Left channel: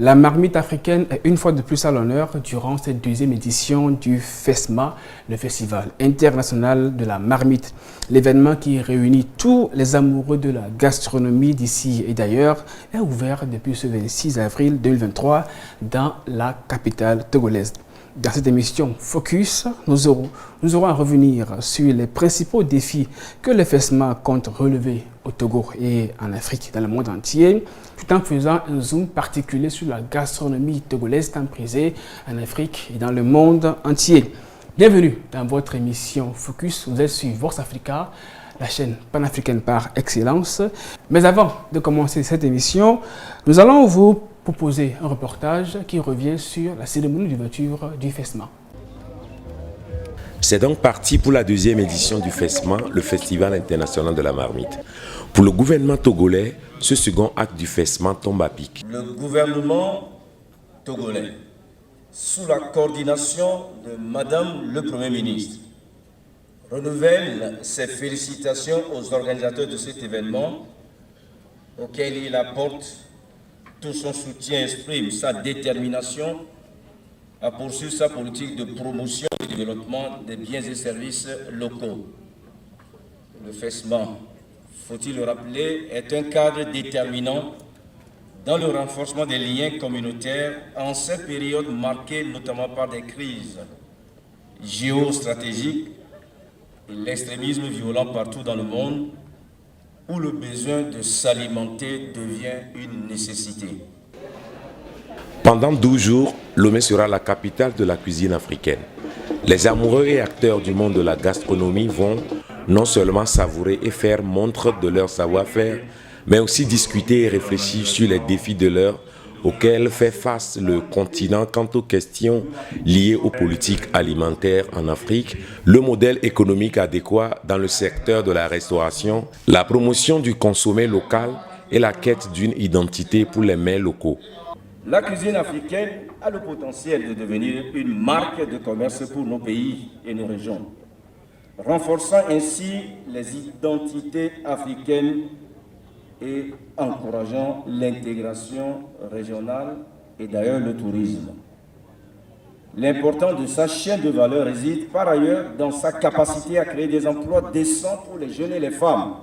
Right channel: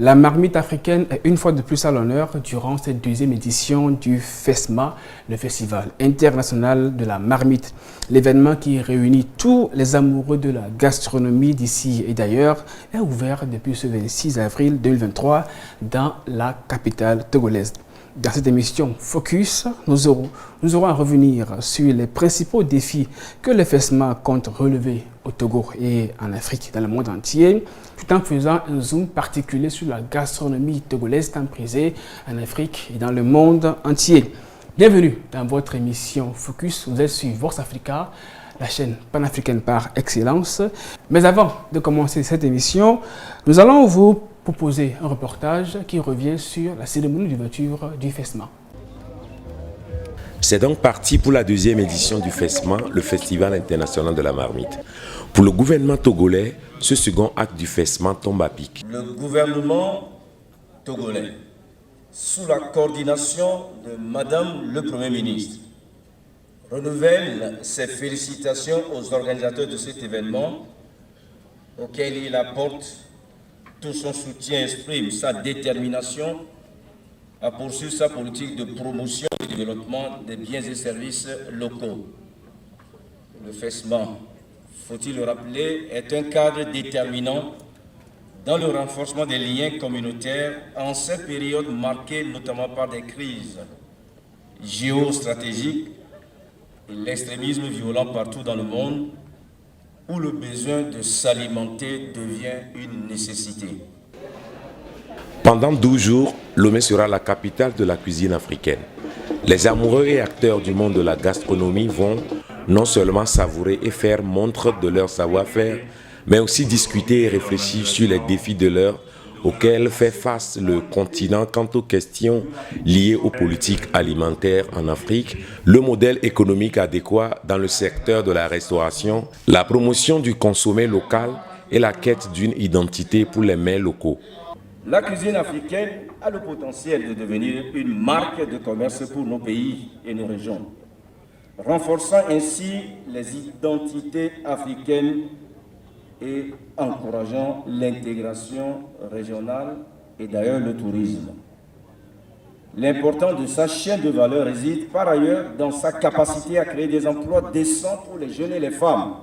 La marmite africaine est une fois de plus à l'honneur durant cette deuxième édition du FESMA, le Festival international de la marmite. L'événement qui réunit tous les amoureux de la gastronomie d'ici et d'ailleurs est ouvert depuis ce 26 avril 2023 dans la capitale togolaise. Dans cette émission Focus, nous aurons à revenir sur les principaux défis que le FESMA compte relever au Togo et en Afrique, dans le monde entier, tout en faisant un zoom particulier sur la gastronomie togolaise tant prisée en Afrique et dans le monde entier. Bienvenue dans votre émission Focus. Vous êtes sur Vox Africa, la chaîne panafricaine par excellence. Mais avant de commencer cette émission, nous allons vous proposer un reportage qui revient sur la cérémonie d'ouverture du FESMA. C'est donc parti pour la deuxième édition du FESMA, le Festival international de la marmite. Pour le gouvernement togolais, ce second acte du FESMA tombe à pic. Le gouvernement togolais, sous la coordination de Madame le Premier ministre, renouvelle ses félicitations aux organisateurs de cet événement, auquel il apporte tout son soutien, exprime sa détermination à poursuivre sa politique de promotion et de développement des biens et services locaux. Le FESMA, faut-il le rappeler, est un cadre déterminant dans le renforcement des liens communautaires en cette période marquée notamment par des crises géostratégiques et l'extrémisme violent partout dans le monde, où le besoin de s'alimenter devient une nécessité. Pendant 12 jours, Lomé sera la capitale de la cuisine africaine. Les amoureux et acteurs du monde de la gastronomie vont non seulement savourer et faire montre de leur savoir-faire, mais aussi discuter et réfléchir sur les défis de l'heure auxquels fait face le continent quant aux questions liées aux politiques alimentaires en Afrique, le modèle économique adéquat dans le secteur de la restauration, la promotion du consommé local et la quête d'une identité pour les mets locaux. La cuisine africaine a le potentiel de devenir une marque de commerce pour nos pays et nos régions, renforçant ainsi les identités africaines et encourageant l'intégration régionale et d'ailleurs le tourisme. L'importance de sa chaîne de valeur réside par ailleurs dans sa capacité à créer des emplois décents pour les jeunes et les femmes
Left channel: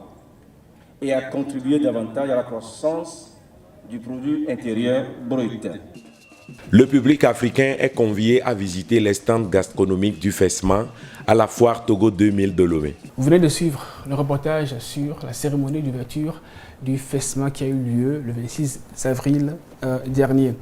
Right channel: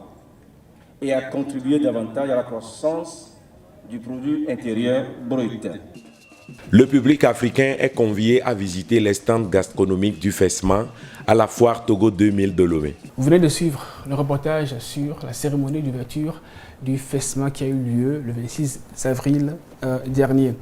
et à contribuer davantage à la croissance du produit intérieur brut. Le public africain est convié à visiter les stands gastronomiques du FESMA à la foire Togo 2000 de Lomé. Vous venez de suivre le reportage sur la cérémonie d'ouverture du FESMA qui a eu lieu le 26 avril dernier.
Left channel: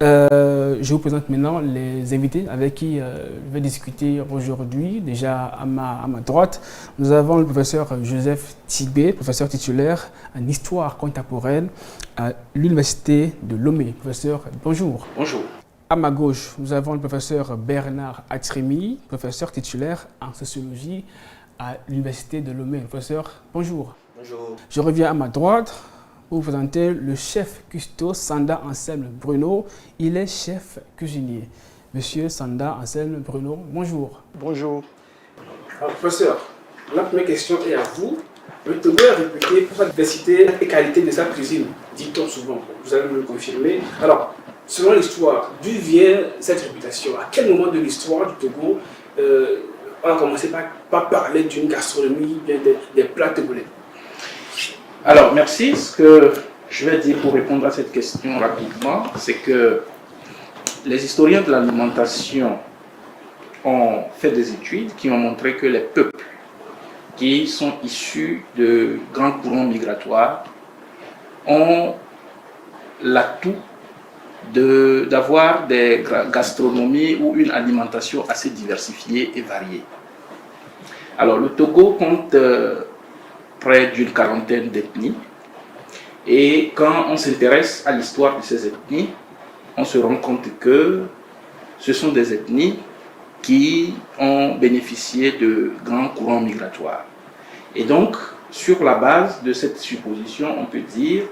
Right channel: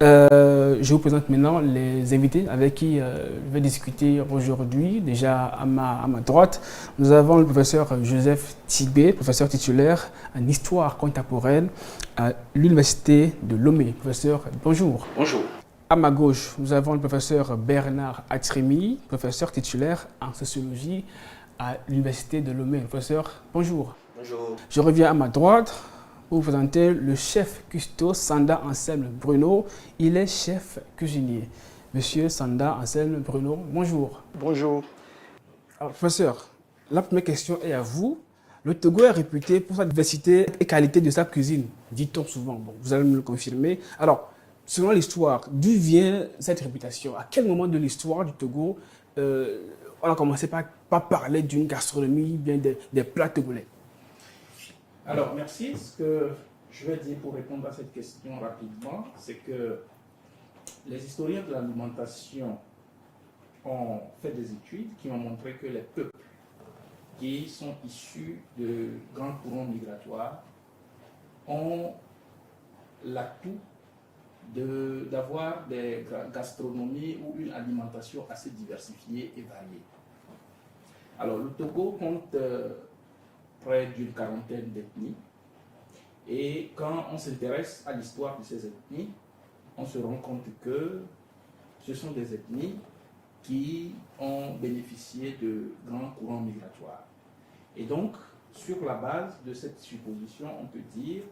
Je vous présente maintenant les invités avec qui je vais discuter aujourd'hui. Déjà à ma droite, nous avons le professeur Joseph Tibé, professeur titulaire en histoire contemporaine à l'université de Lomé. Professeur, bonjour. Bonjour. À ma gauche, nous avons le professeur Bernard Atremi, professeur titulaire en sociologie à l'université de Lomé. Professeur, bonjour. Bonjour. Je reviens à ma droite pour vous présenter le chef cuistot Sanda Anselme Bruno. Il est chef cuisinier. Monsieur Sanda Anselme Bruno, bonjour. Bonjour. Alors, professeur, la première question est à vous. Le Togo est réputé pour sa diversité et qualité de sa cuisine, dit-on souvent. Vous allez me le confirmer. Alors, selon l'histoire, d'où vient cette réputation? À quel moment de l'histoire du Togo on a commencé par parler d'une gastronomie, bien des plats togolais? Alors, merci. Ce que je vais dire pour répondre à cette question rapidement, c'est que les historiens de l'alimentation ont fait des études qui ont montré que les peuples qui sont issus de grands courants migratoires ont l'atout d'avoir des gastronomies ou une alimentation assez diversifiée et variée. Alors, le Togo compte près d'une quarantaine d'ethnies. Et quand on s'intéresse à l'histoire de ces ethnies, on se rend compte que ce sont des ethnies qui ont bénéficié de grands courants migratoires. Et donc, sur la base de cette supposition, on peut dire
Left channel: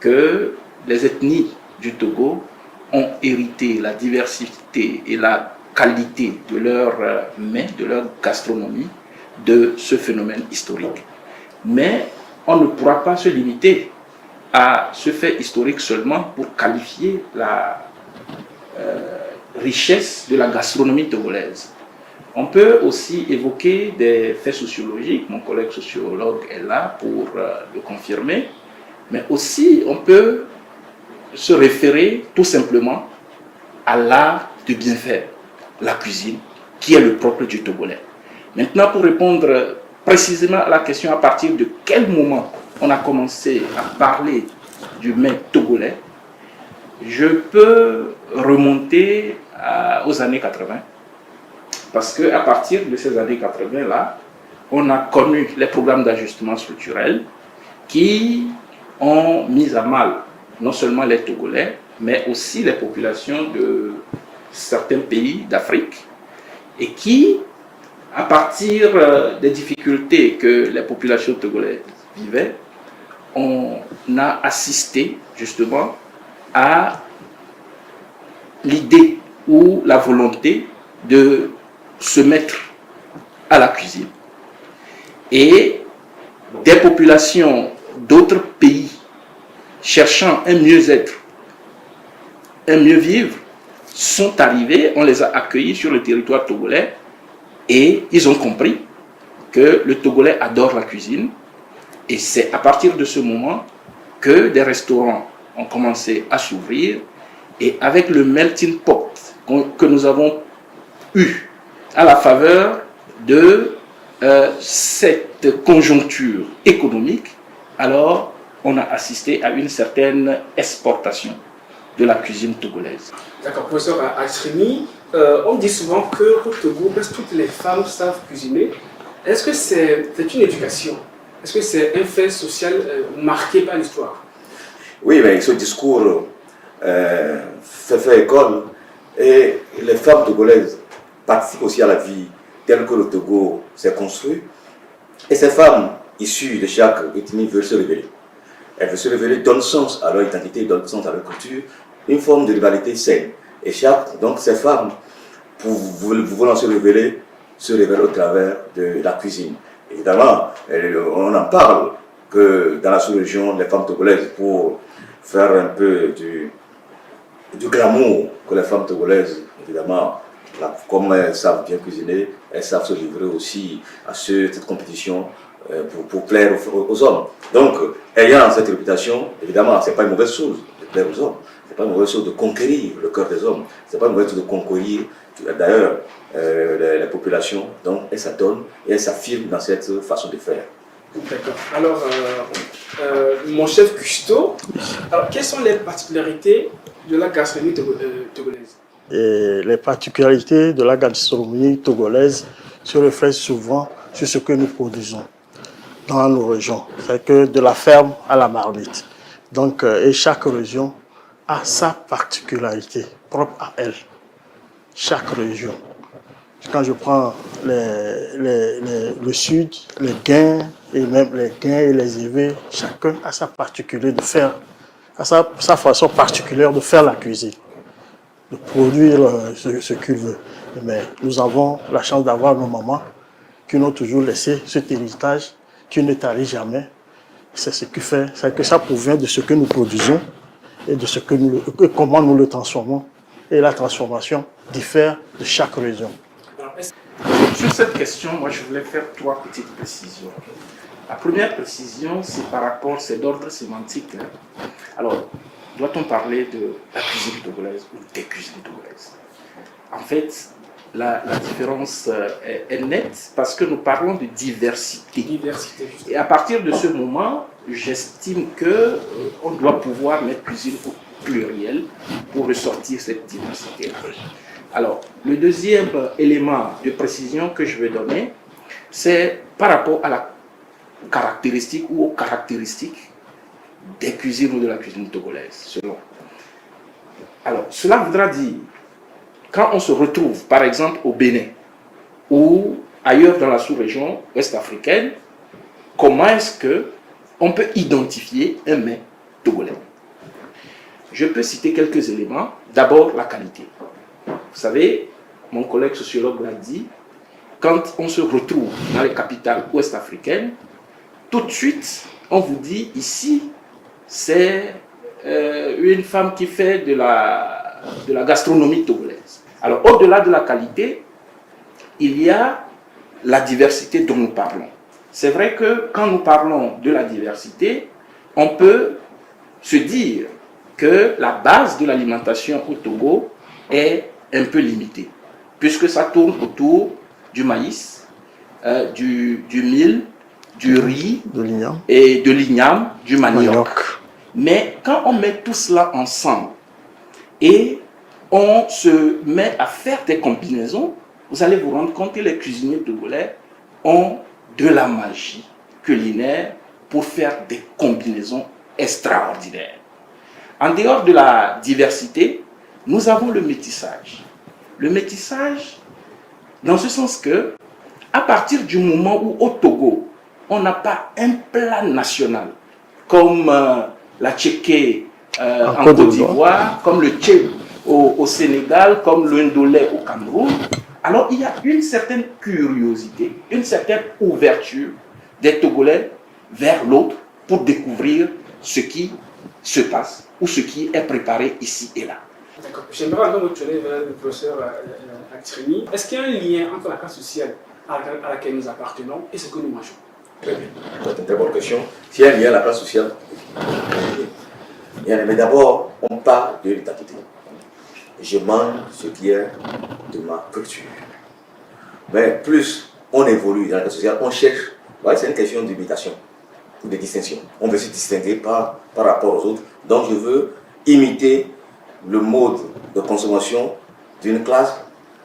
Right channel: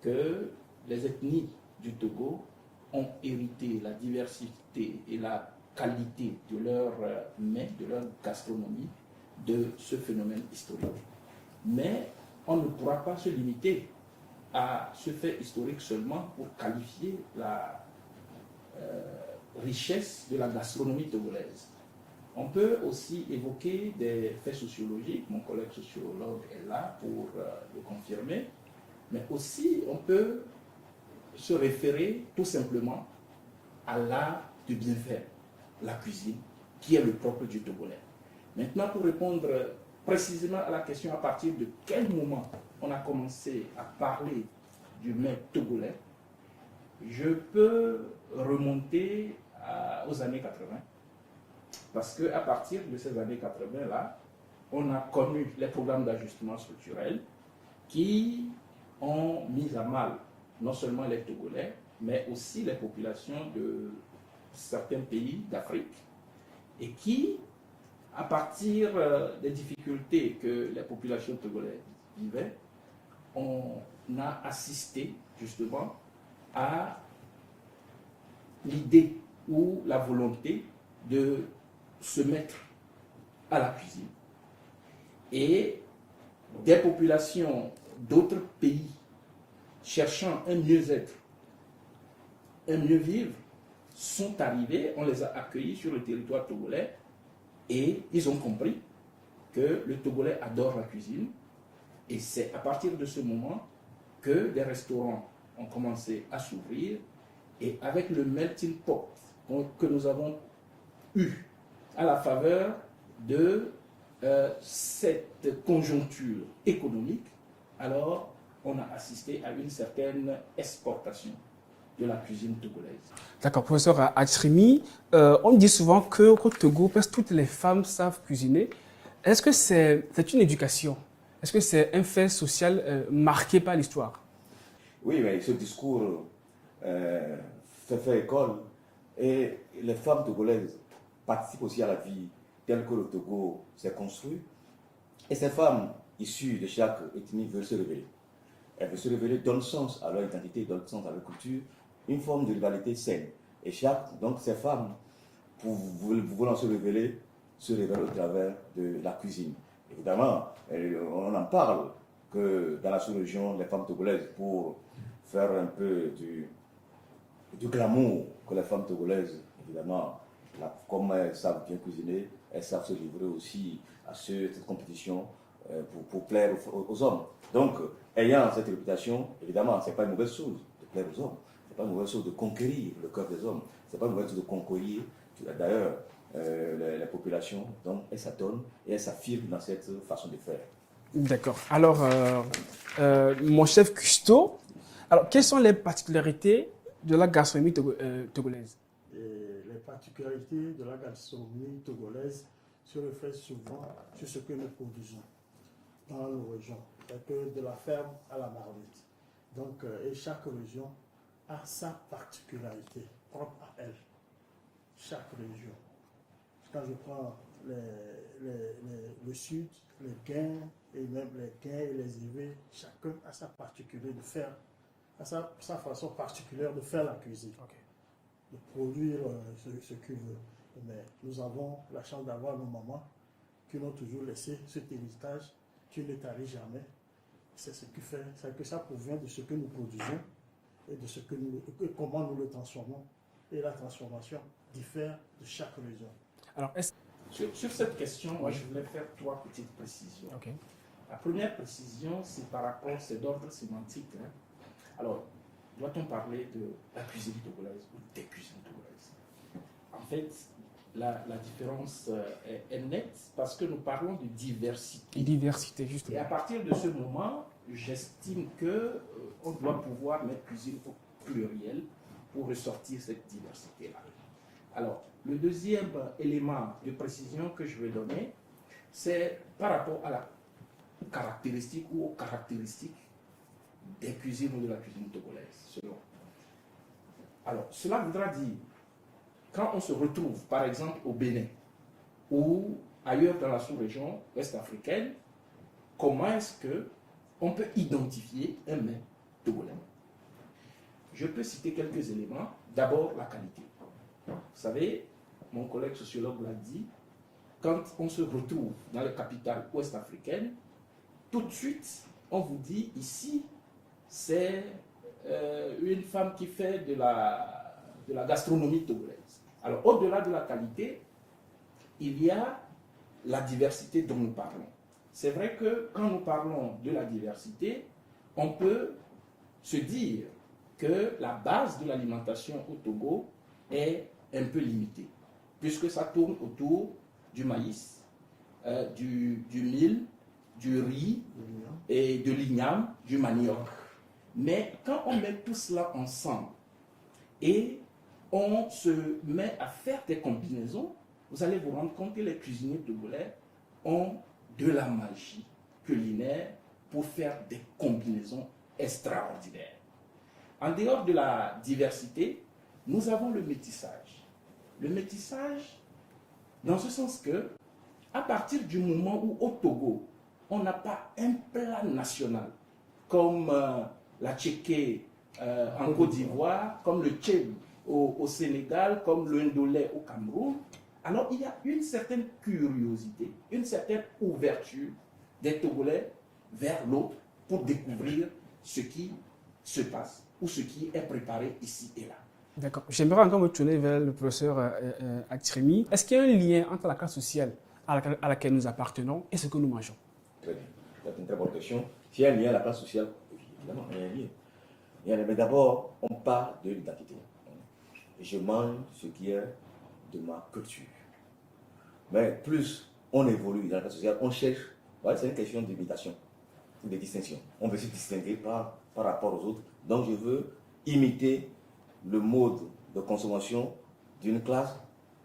que les ethnies du Togo ont hérité la diversité et la qualité de leurs mets, de leur gastronomie, de ce phénomène historique. Mais on ne pourra pas se limiter à ce fait historique seulement pour qualifier la richesse de la gastronomie togolaise. On peut aussi évoquer des faits sociologiques, mon collègue sociologue est là pour le confirmer, mais aussi on peut se référer tout simplement à l'art de bien faire, la cuisine, qui est le propre du Togolais. Maintenant, pour répondre précisément à la question à partir de quel moment on a commencé à parler du mets togolais, je peux remonter aux années 80. Parce qu'à partir de ces années 80-là, on a connu les programmes d'ajustement structurel qui ont mis à mal non seulement les Togolais, mais aussi les populations de certains pays d'Afrique et qui, à partir des difficultés que les populations togolaises vivaient, on a assisté justement à l'idée ou la volonté de se mettre à la cuisine. Et des populations d'autres pays cherchant un mieux-être, un mieux-vivre, sont arrivés, on les a accueillis sur le territoire togolais et ils ont compris que le Togolais adore la cuisine. Et c'est à partir de ce moment que des restaurants ont commencé à s'ouvrir. Et avec le melting pot que nous avons eu à la faveur de cette conjoncture économique, alors on a assisté à une certaine exportation de la cuisine togolaise. D'accord, professeur Achrimi, on dit souvent que au Togo, presque toutes les femmes savent cuisiner. Est-ce que c'est une éducation? Est-ce que c'est un fait social marqué par l'histoire? Oui, mais ce discours fait école et les femmes togolaises participent aussi à la vie telle que le Togo s'est construit. Et ces femmes issues de chaque ethnie veulent se révéler. Elles veulent se révéler, donnent sens à leur identité, donnent sens à leur culture, une forme de rivalité saine. Et donc ces femmes, pour vouloir se révèlent au travers de la cuisine. Évidemment, on en parle que dans la sous-région, les femmes togolaises, pour faire un peu du glamour que les femmes togolaises, évidemment, comme elles savent bien cuisiner, elles savent se livrer aussi à cette compétition pour plaire aux hommes. Donc, ayant cette réputation, évidemment, ce n'est pas une mauvaise chose de plaire aux hommes. Ce n'est pas une mauvaise chose de conquérir le cœur des hommes. Ce n'est pas une mauvaise chose de conquérir, d'ailleurs, les populations. Donc, elles s'adonnent et elles s'affirment dans cette façon de faire. D'accord. Alors, mon chef Custo, quelles sont les particularités de la gastronomie togolaise? Et les particularités de la gastronomie togolaise se reflètent souvent sur ce que nous produisons dans nos régions. C'est que de la ferme à la marmite. Donc, et chaque région a sa particularité propre à elle. Chaque région. Quand je prends le sud, les Guins, et même les Guins et les Yévés, chacun a sa particularité de faire, a sa façon particulière de faire la cuisine, de produire ce qu'il veut. Mais nous avons la chance d'avoir nos mamans qui nous ont toujours laissé cet héritage qui ne tarit jamais. C'est ce qui fait, c'est que ça provient de ce que nous produisons et de ce que comment nous le transformons. Et la transformation diffère de chaque région. Sur cette question, moi je voulais faire 3 petites précisions. La première précision, c'est par rapport, c'est d'ordre sémantique. Alors, doit-on parler de la cuisine togolaise ou des cuisines togolaises? En fait, la différence est nette parce que nous parlons de diversité. Et à partir de ce moment, j'estime qu'on doit pouvoir mettre cuisine au pluriel pour ressortir cette diversité. Alors, le deuxième élément de précision que je vais donner, c'est par rapport à la caractéristique ou aux caractéristiques des cuisines ou de la cuisine togolaise, selon. Alors, cela voudra dire, quand on se retrouve, par exemple, au Bénin ou ailleurs dans la sous-région ouest-africaine, comment est-ce qu'on peut identifier un mets togolais? Je peux citer quelques éléments. D'abord, la qualité. Vous savez, mon collègue sociologue l'a dit, quand on se retrouve dans les capitales ouest-africaines, tout de suite, on vous dit ici, c'est une femme qui fait de la gastronomie togolaise. Alors, au-delà de la qualité, il y a la diversité dont nous parlons. C'est vrai que quand nous parlons de la diversité, on peut se dire que la base de l'alimentation au Togo est un peu limitée, puisque ça tourne autour du maïs, du mil, du riz et de l'igname, du manioc. Mais quand on met tout cela ensemble et on se met à faire des combinaisons, vous allez vous rendre compte que les cuisiniers togolais ont de la magie culinaire pour faire des combinaisons extraordinaires. En dehors de la diversité, nous avons le métissage. Le métissage, dans ce sens que, à partir du moment où au Togo, on n'a pas un plat national, comme la tchéké en Côte d'Ivoire, comme le tché au Sénégal, comme le ndolé au Cameroun, alors il y a une certaine curiosité, une certaine ouverture des Togolais vers l'autre pour découvrir ce qui se passe ou ce qui est préparé ici et là. D'accord. J'aimerais encore retourner vers le professeur Atrimi. Est-ce qu'il y a un lien entre la classe sociale à laquelle nous appartenons et ce que nous mangeons? Très bien. C'est une très bonne question. S'il y a un lien à la classe sociale, mais d'abord, on parle de l'identité. Je mange ce qui est de ma culture. Mais plus on évolue dans la classe sociale, on cherche. C'est une question d'imitation ou de distinction. On veut se distinguer par rapport aux autres. Donc je veux imiter le mode de consommation d'une classe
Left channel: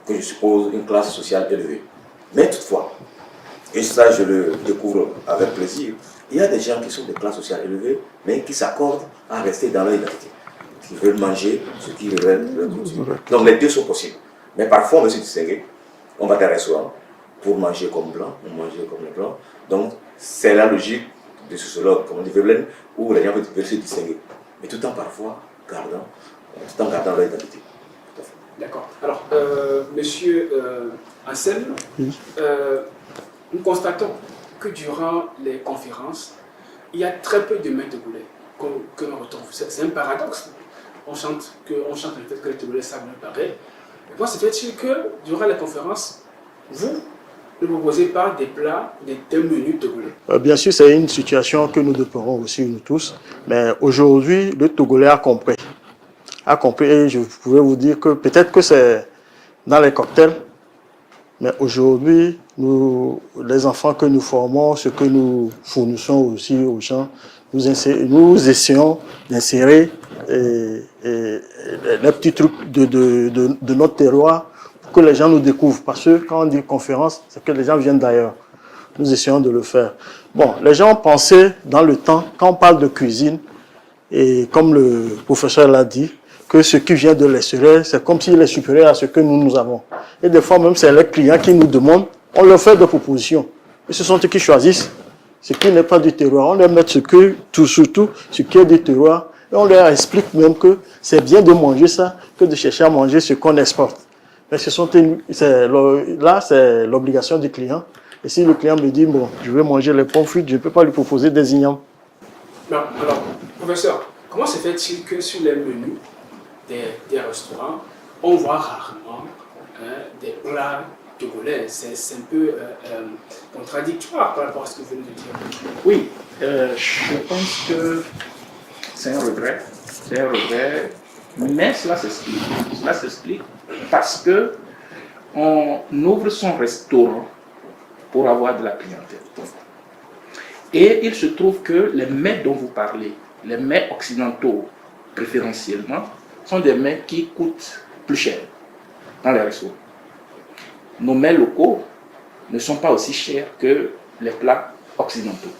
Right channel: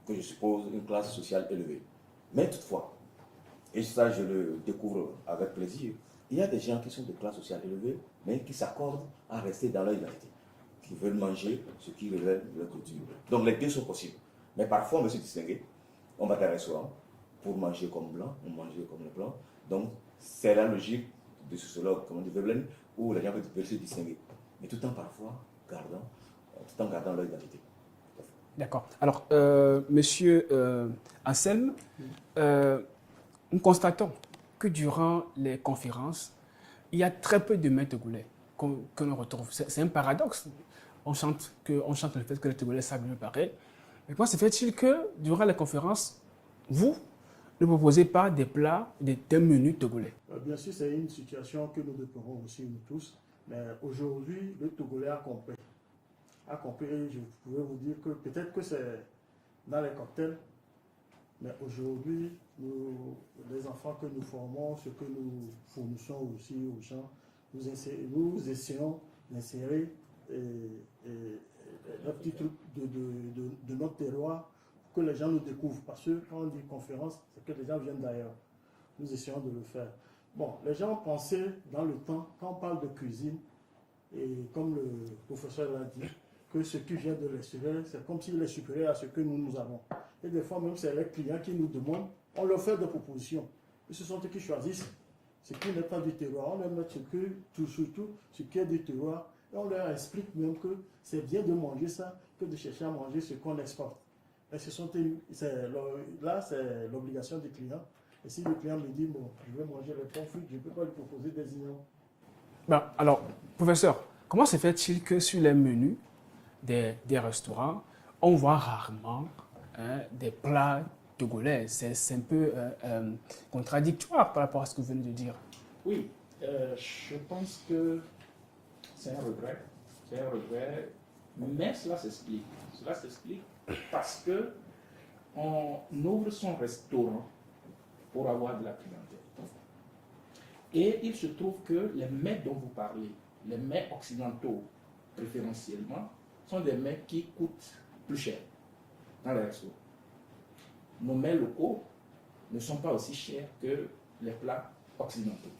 que je suppose une classe sociale élevée. Mais toutefois, et ça je le découvre avec plaisir, il y a des gens qui sont de classe sociale élevée, mais qui s'accordent à rester dans leur identité. Qui veulent manger ce qui révèle leur culture. Donc les deux sont possibles. Mais parfois on veut se distinguer. On va dans un restaurant pour manger comme blanc, on mange comme les blancs. Donc c'est la logique de sociologue, comme on dit Veblen, où les gens veulent se distinguer. Mais tout en parfois gardant leur identité. D'accord. Alors, monsieur Anselme, nous constatons que durant les conférences, il y a très peu de mains togolais que l'on retrouve. C'est un paradoxe. On chante le fait que les Togolais savent mieux parler. Mais comment se fait-il que durant les conférences, vous ne proposez pas des plats, des menus togolais? Bien sûr, c'est une situation que nous déplorons aussi, nous tous. Mais aujourd'hui, le Togolais a compris. Et je pouvais vous dire que peut-être que c'est dans les cocktails, mais aujourd'hui, les enfants que nous formons, ce que nous fournissons aussi aux gens, nous essayons d'insérer les petits trucs de notre terroir pour que les gens nous découvrent. Parce que quand on dit conférence, c'est que les gens viennent d'ailleurs. Nous essayons de le faire. Bon, les gens pensaient dans le temps, quand on parle de cuisine, et comme le professeur l'a dit, que ce qui vient de l'extérieur, c'est comme s'il est supérieur à ce que nous avons. Et des fois même, c'est les clients qui nous demandent, on leur fait des propositions. Et ce sont eux qui choisissent ce qui n'est pas du terroir. On leur met surtout ce qui est du terroir. Et on leur explique même que c'est bien de manger ça que de chercher à manger ce qu'on exporte. Mais là, c'est l'obligation du client. Et si le client me dit, bon, je veux manger les pommes frites, je ne peux pas lui proposer des ignames. Bon, alors, professeur, comment se fait-il que sur les menus des restaurants, on voit rarement des plats togolais? C'est un peu contradictoire par rapport à ce que vous venez de dire. Oui, je pense que c'est un regret. Mais cela s'explique. Cela s'explique parce que on ouvre son restaurant pour avoir de la clientèle. Et il se trouve que les mets dont vous parlez, les mets occidentaux préférentiellement, sont des mets qui coûtent plus cher dans les restaurants. Nos mets locaux ne sont pas aussi chers que les plats occidentaux.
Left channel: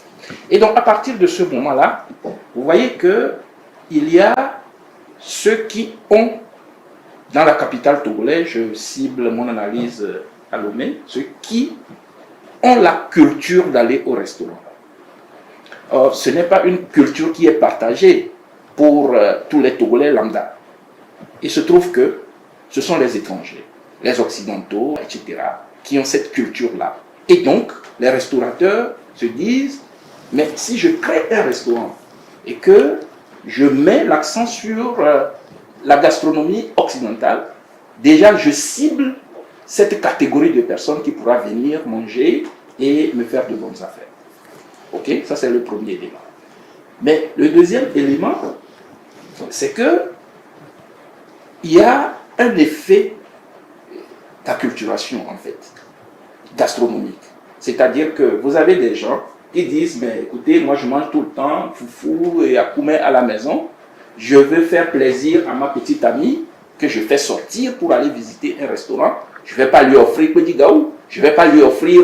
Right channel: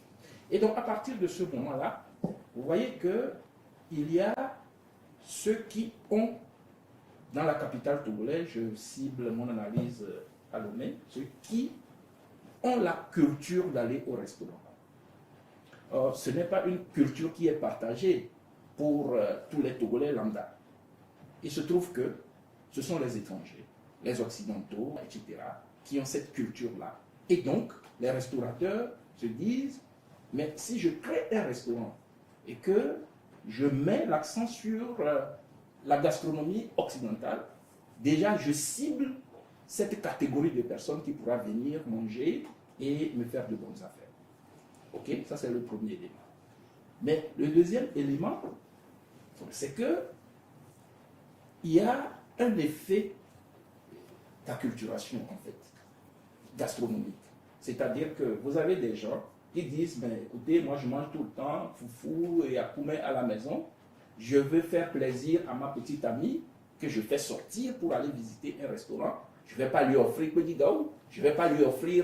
Et donc à partir de ce moment-là, vous voyez qu'il y a ceux qui ont, dans la capitale togolaise, je cible mon analyse à Lomé, ceux qui ont la culture d'aller au restaurant. Or, ce n'est pas une culture qui est partagée pour tous les Togolais lambda. Il se trouve que ce sont les étrangers, les occidentaux, etc., qui ont cette culture-là. Et donc, les restaurateurs se disent, mais si je crée un restaurant et que je mets l'accent sur la gastronomie occidentale. Déjà, je cible cette catégorie de personnes qui pourra venir manger et me faire de bonnes affaires. Ok, ça c'est le premier élément. Mais le deuxième élément, c'est que il y a un effet d'acculturation en fait, gastronomique. C'est-à-dire que vous avez des gens qui disent, mais écoutez, moi je mange tout le temps foufou et akoumé à la maison, je veux faire plaisir à ma petite amie que je fais sortir pour aller visiter un restaurant. Je ne vais pas lui offrir petit gaou, je ne vais pas lui offrir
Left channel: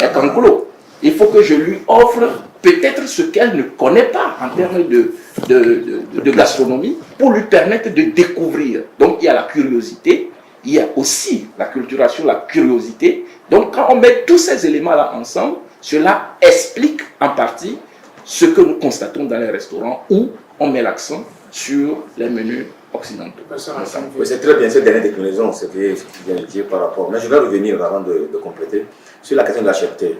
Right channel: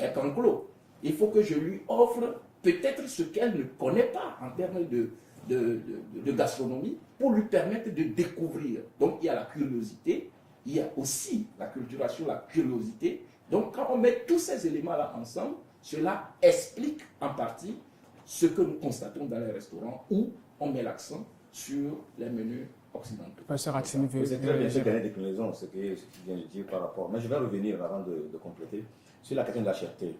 un kankolo. Il faut que je lui offre peut-être ce qu'elle ne connaît pas en termes de gastronomie pour lui permettre de découvrir. Donc il y a la curiosité, il y a aussi la culturation, la curiosité. Donc quand on met tous ces éléments-là ensemble, cela explique en partie ce que nous constatons dans les restaurants où on met l'accent sur les menus occidentaux. Oui, c'est très bien cette dernière déclinaison, ce que tu viens de dire par rapport. Mais je vais revenir avant de compléter sur la question de la cherté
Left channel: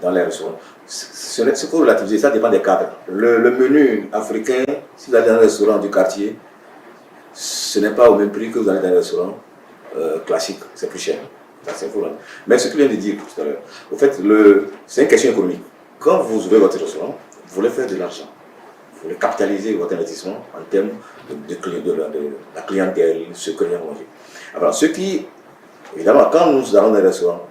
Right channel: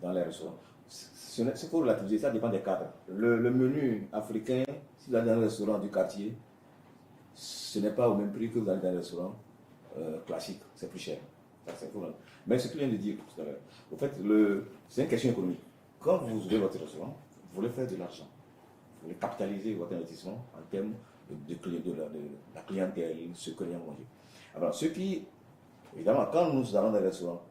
dans les restaurants. Ce qu'il faut relativiser, ça dépend des cadres. Le menu africain, si vous allez dans un restaurant du quartier, ce n'est pas au même prix que vous allez dans un restaurant classique, c'est plus cher. Ça, c'est faux. Mais ce que je viens de dire tout à l'heure, au fait, c'est une question économique. Quand vous ouvrez votre restaurant, vous voulez faire de l'argent. Vous voulez capitaliser votre investissement en termes de la clientèle, ce que l'on a mangé. Alors, ce qui, évidemment, quand nous allons dans un restaurant,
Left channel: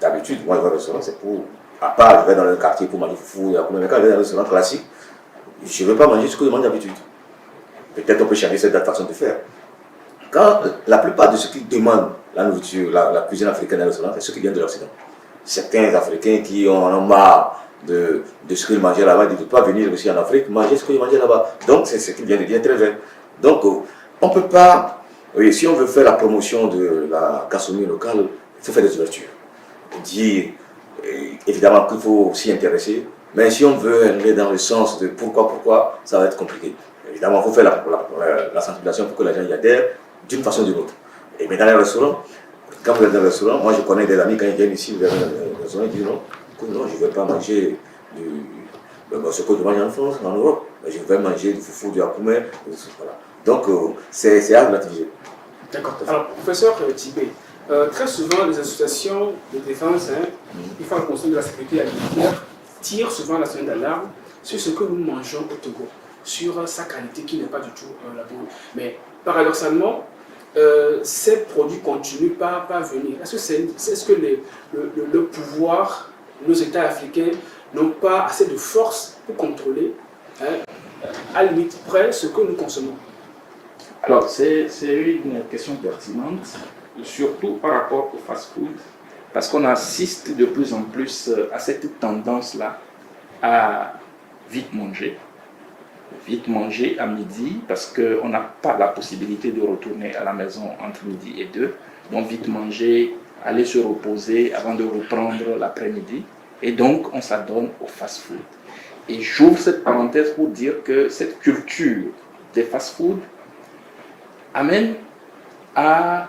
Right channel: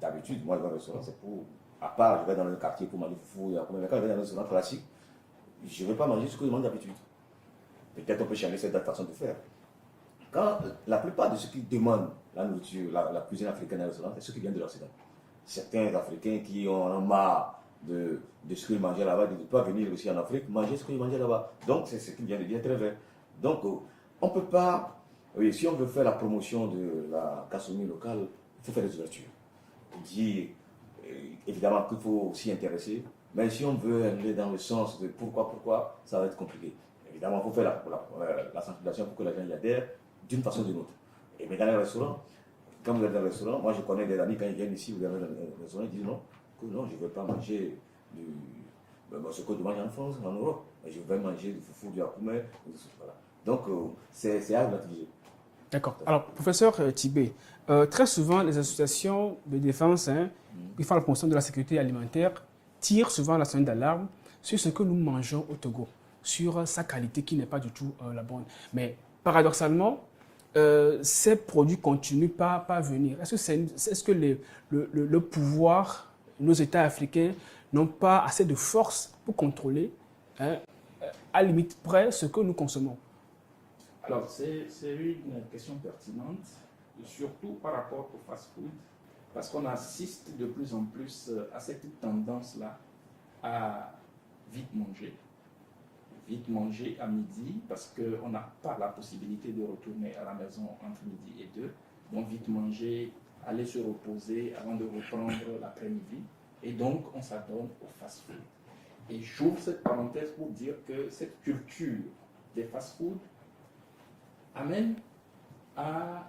d'habitude, moi je vais au restaurant, c'est pour, à part, je vais dans le quartier pour manger fou, mais quand je vais dans un restaurant classique, je ne veux pas manger ce que je mange d'habitude. Peut-être on peut changer cette façon de faire. Quand la plupart de ceux qui demandent la nourriture, la cuisine africaine dans le restaurant, c'est ceux qui viennent de l'Occident. Certains Africains qui en ont marre de ce qu'ils mangeaient là-bas, ils ne doivent pas venir aussi en Afrique manger ce qu'ils mangeaient là-bas. Donc c'est ce qui vient de dire très vrai. Donc on ne peut pas, oui, si on veut faire la promotion de la gastronomie locale, il faut faire des ouvertures. Dire évidemment qu'il faut s'y intéresser, mais si on veut aller dans le sens de pourquoi, ça va être compliqué. Évidemment, il faut faire la sensibilisation pour que les gens y adhèrent d'une façon ou d'une autre. Et mais dans les restaurants, quand vous êtes dans le restaurant, moi je connais des amis, quand ils viennent ici, vous allez dans le restaurant, ils disent non, je ne vais pas manger ce que je mange en France, en Europe. Je vais manger du foufou, du akoumé, voilà. Donc c'est à relativiser. D'accord. Alors, professeur Tibé, très souvent les associations de défense, qui font la conscience de la sécurité alimentaire, tirent souvent la sonnette d'alarme sur ce que nous mangeons au Togo, sur sa qualité qui n'est pas du tout la bonne. Mais paradoxalement, ces produits continuent pas à venir. Est-ce que le pouvoir, nos États africains n'ont pas assez de force pour contrôler, à limite près, ce que nous consommons? Alors, c'est une question pertinente, surtout par rapport au fast-food, parce qu'on assiste de plus en plus à cette tendance-là à vite manger à midi, parce qu'on n'a pas la possibilité de retourner à la maison entre midi et 2. Donc, vite manger, aller se reposer avant de reprendre l'après-midi. Et donc, on s'adonne au fast-food. Et j'ouvre cette parenthèse pour dire que cette culture des fast-food amène à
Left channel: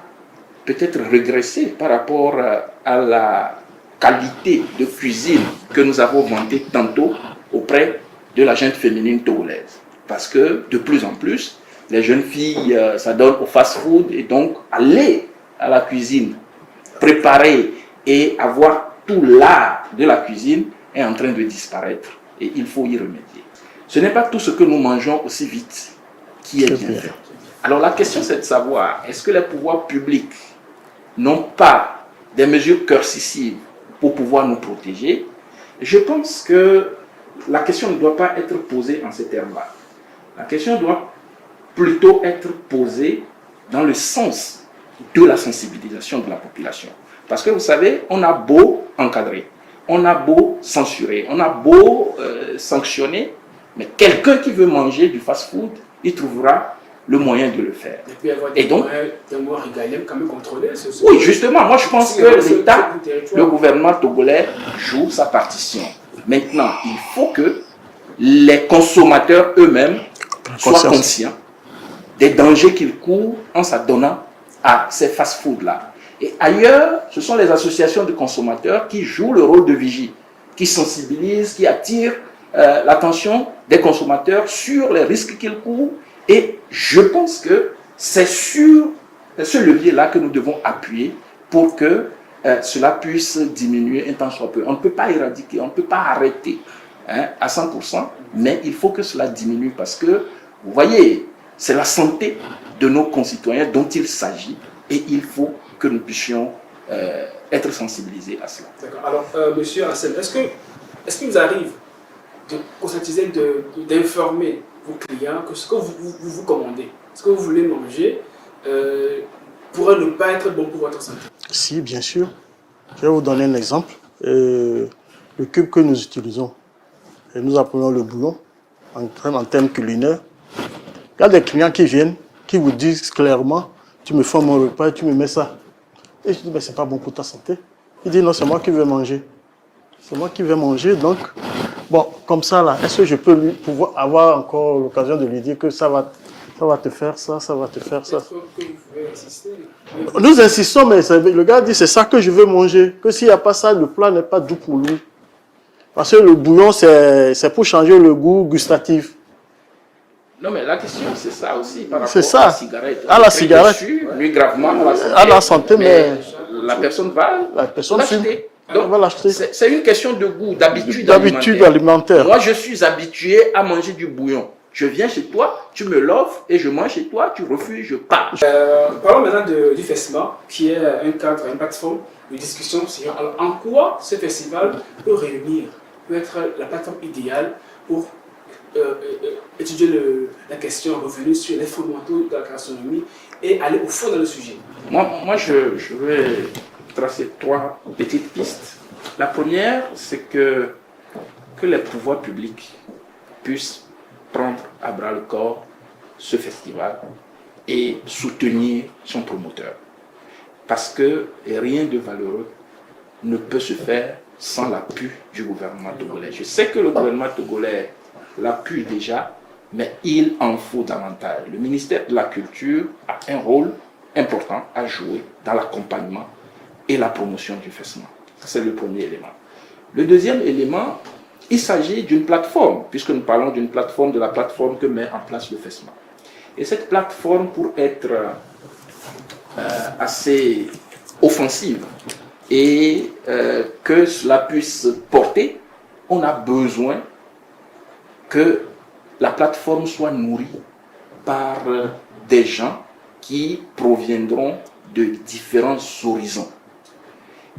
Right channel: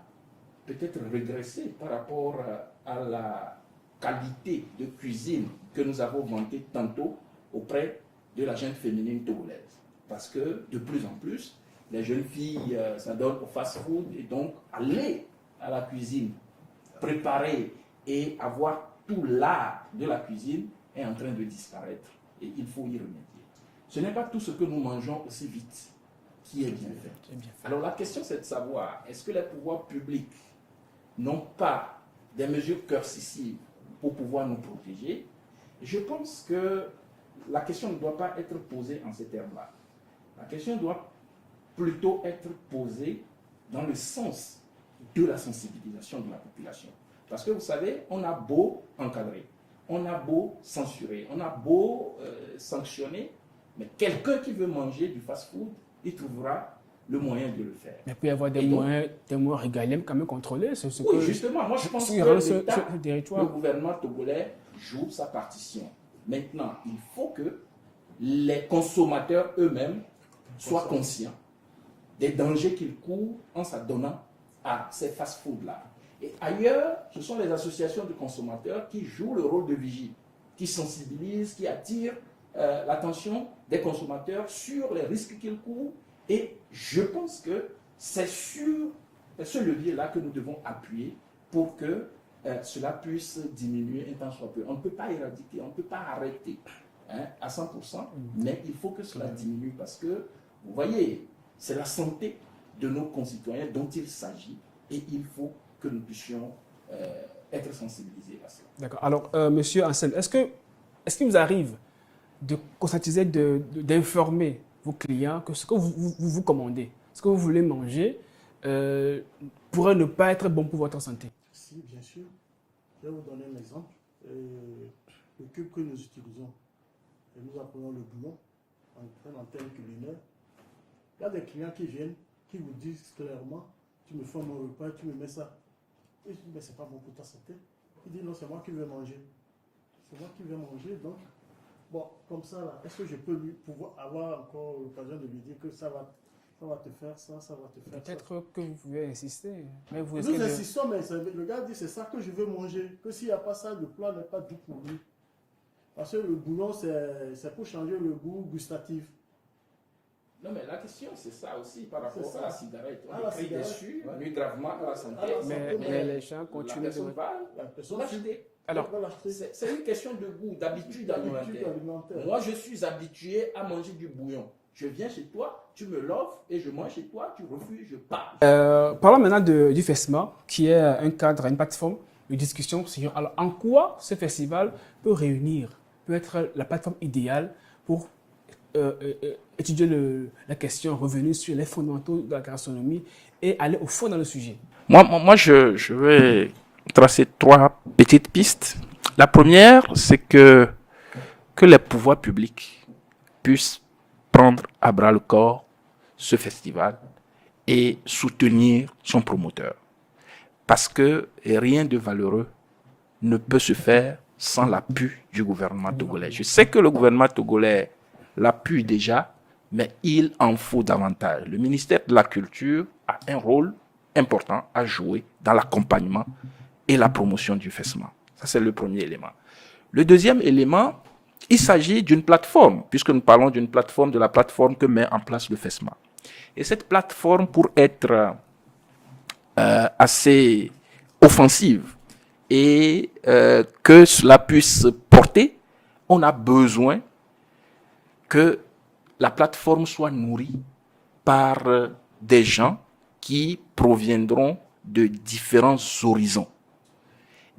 peut-être régresser par rapport à la qualité de cuisine que nous avons vantée tantôt auprès de la gente féminine togolaise. Parce que de plus en plus, les jeunes filles s'adonnent au fast-food et donc aller à la cuisine, préparer et avoir tout l'art de la cuisine est en train de disparaître et il faut y remédier. Ce n'est pas tout ce que nous mangeons aussi vite qui est bien fait. Alors la question c'est de savoir, est-ce que les pouvoirs publics n'ont pas des mesures coercitives pour pouvoir nous protéger? Je pense que la question ne doit pas être posée en ces termes-là. La question doit plutôt être posée dans le sens de la sensibilisation de la population. Parce que vous savez, on a beau encadrer, on a beau censurer, on a beau sanctionner, mais quelqu'un qui veut manger du fast-food, il trouvera le moyen de le faire. Et puis avoir des moyens régaliens quand même contrôlés. Oui, justement, moi je pense que l'État, le gouvernement togolais joue sa partition. Maintenant, il faut que les consommateurs eux-mêmes soient conscients des dangers qu'ils courent en s'adonnant à ces fast-foods-là. Et ailleurs, ce sont les associations de consommateurs qui jouent le rôle de vigie, qui sensibilisent, qui attirent l'attention des consommateurs sur les risques qu'ils courent. Et je pense que c'est sur ce levier-là que nous devons appuyer pour que cela puisse diminuer un tant soit peu. On ne peut pas éradiquer, on ne peut pas arrêter à 100%, mais il faut que cela diminue parce que, vous voyez, c'est la santé de nos concitoyens dont il s'agit et il faut que nous puissions être sensibilisés à cela. D'accord. Alors, monsieur Hassel, est-ce qu'il vous arrive de conscientiser, d'informer vos clients que ce que vous commandez, ce que vous voulez manger, pourrait ne pas être bon pour votre santé? Si, bien sûr. Je vais vous donner un exemple. Le cube que nous utilisons, et nous appelons le bouillon, en termes culinaires, il y a des clients qui viennent, qui vous disent clairement, tu me fais mon repas et tu me mets ça. Et je dis, mais c'est pas bon pour ta santé. Il dit, non, c'est moi qui vais manger. C'est moi qui vais manger, donc, bon, comme ça, là, est-ce que je peux pouvoir avoir encore l'occasion de lui dire que ça va te faire ça, ça va te faire ça. Que vous pouvez insister. Nous insistons, mais le gars dit, c'est ça que je veux manger. Que s'il n'y a pas ça, le plat n'est pas doux pour lui. Parce que le bouillon, c'est pour changer le goût gustatif. Non, mais la question, c'est ça aussi, par C'est rapport à ça. la cigarette. À la cigarette. Nuit gravement À la santé, mais la personne va l'acheter. Donc, va l'acheter. c'est une question de goût, d'habitude alimentaire. Moi, je suis habitué à manger du bouillon. Je viens chez toi, tu me l'offres et je mange chez toi, tu refuses, je pars. Parlons maintenant du FESMA, qui est un cadre, une plateforme de discussion. Alors, en quoi ce festival peut être la plateforme idéale pour étudier la question, revenir sur les fondamentaux de la gastronomie et aller au fond dans le sujet? Moi je vais tracer 3 petites pistes. La première, c'est que les pouvoirs publics puissent prendre à bras le corps ce festival et soutenir son promoteur. Parce que rien de valeureux ne peut se faire sans l'appui du gouvernement togolais. Je sais que le gouvernement togolais l'appuie déjà, mais il en faut davantage. Le ministère de la Culture a un rôle important à jouer dans l'accompagnement et la promotion du FESMA. Ça, c'est le premier élément. Le deuxième élément, il s'agit d'une plateforme, puisque nous parlons d'une plateforme, de la plateforme que met en place le FESMA. Et cette plateforme, pour être assez offensive et que cela puisse porter, on a besoin que la plateforme soit nourrie par des gens qui proviendront de différents horizons.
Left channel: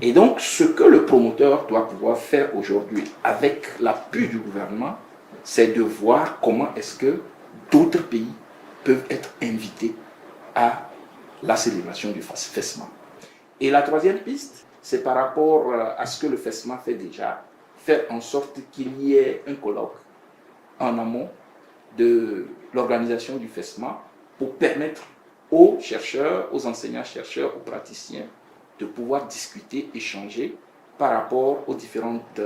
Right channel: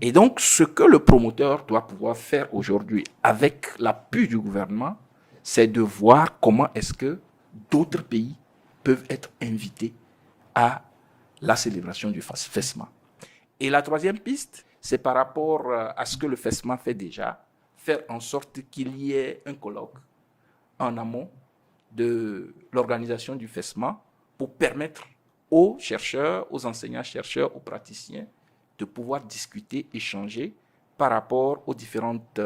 Et donc, ce que le promoteur doit pouvoir faire aujourd'hui avec l'appui du gouvernement, c'est de voir comment est-ce que d'autres pays peuvent être invités à la célébration du FESMA. Et la troisième piste, c'est par rapport à ce que le FESMA fait déjà, faire en sorte qu'il y ait un colloque en amont de l'organisation du FESMA pour permettre aux chercheurs, aux enseignants-chercheurs, aux praticiens de pouvoir discuter, échanger par rapport aux différentes,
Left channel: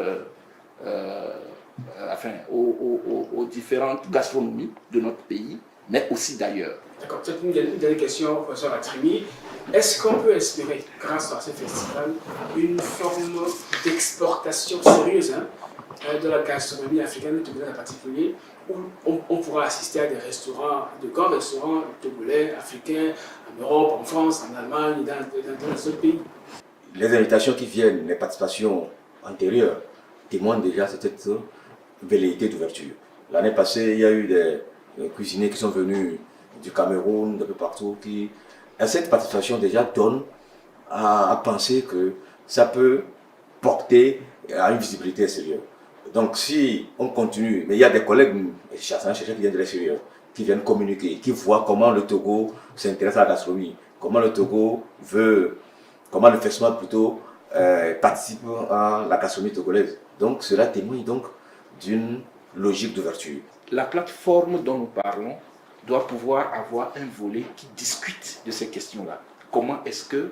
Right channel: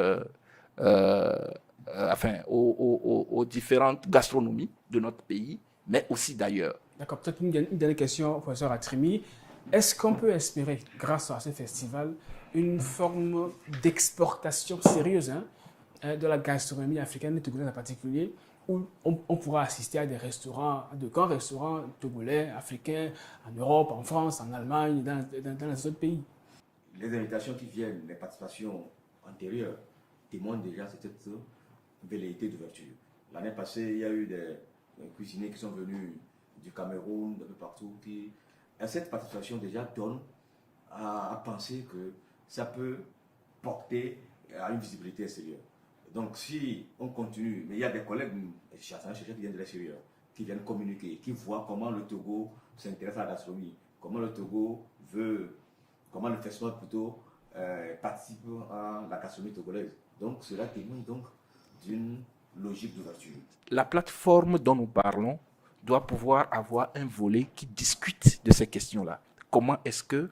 aux différentes gastronomies de notre pays, mais aussi d'ailleurs. D'accord, peut-être une dernière question, professeur Atrimi. Est-ce qu'on peut espérer, grâce à ce festival, une forme d'exportation sérieuse de la gastronomie africaine, togolaise en particulier, où on pourra assister à des restaurants, de grands restaurants togolais, africains, en Europe, en France, en Allemagne, dans les autres pays? Les invitations qui viennent, les participations antérieures, témoignent déjà de cette velléité d'ouverture. L'année passée, il y a eu des cuisiniers qui sont venus du Cameroun, de peu partout, qui, à cette participation déjà, donne à penser que ça peut porter à une visibilité extérieure. Donc si on continue, mais il y a des collègues chercheurs qui viennent de l'extérieur, qui viennent communiquer, qui voient comment le Togo s'intéresse à la gastronomie, comment le Togo veut, comment le FESMA plutôt participe à la gastronomie togolaise. Donc cela témoigne donc d'une logique d'ouverture. La plateforme dont nous parlons doit pouvoir avoir un volet qui discute de ces questions-là. Comment est-ce que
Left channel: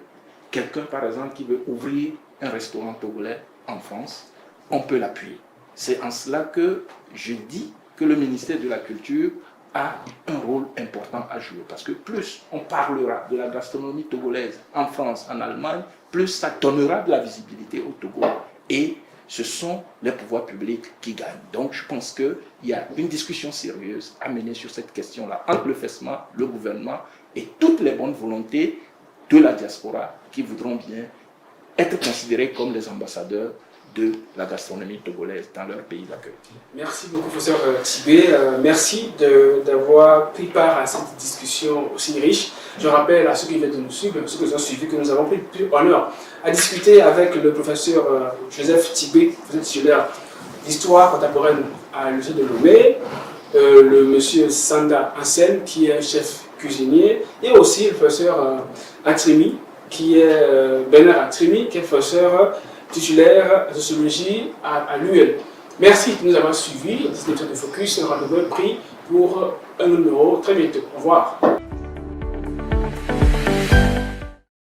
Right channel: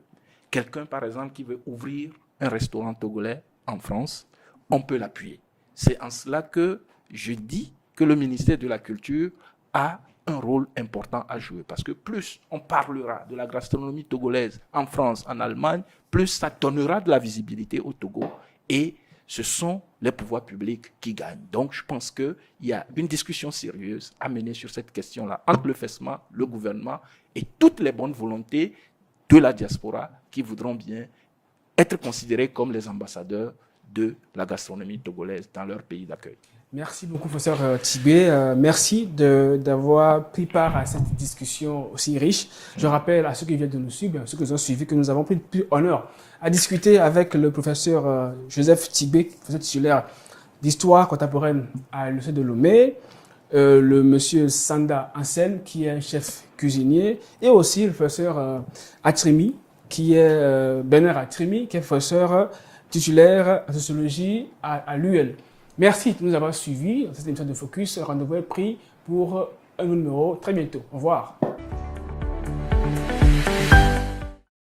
quelqu'un, par exemple, qui veut ouvrir un restaurant togolais en France, on peut l'appuyer? C'est en cela que je dis que le ministère de la Culture a un rôle important à jouer. Parce que plus on parlera de la gastronomie togolaise en France, en Allemagne, plus ça donnera de la visibilité au Togo et ce sont les pouvoirs publics qui gagnent. Donc je pense qu'il y a une discussion sérieuse à mener sur cette question-là entre le FESMA, le gouvernement et toutes les bonnes volontés de la diaspora qui voudront bien être considérés comme les ambassadeurs de la gastronomie togolaise dans leur pays d'accueil. Merci beaucoup, professeur Tibé. Merci d'avoir pris part à cette discussion aussi riche. Je rappelle à ceux qui viennent de nous suivre, ceux qui nous ont suivis, que nous avons pris honneur à discuter avec le professeur Joseph Tibé, professeur titulaire d'histoire contemporaine à l'Université de Lomé, le monsieur Sanda Ansel, qui est chef cuisinier, et aussi le professeur Atrimi, qui est Bernard Atrimi, qui est professeur titulaire de sociologie à l'UL. Merci de nous avoir suivis. Cette émission de Focus, rendez-vous est pris pour un numéro très bientôt. Au revoir.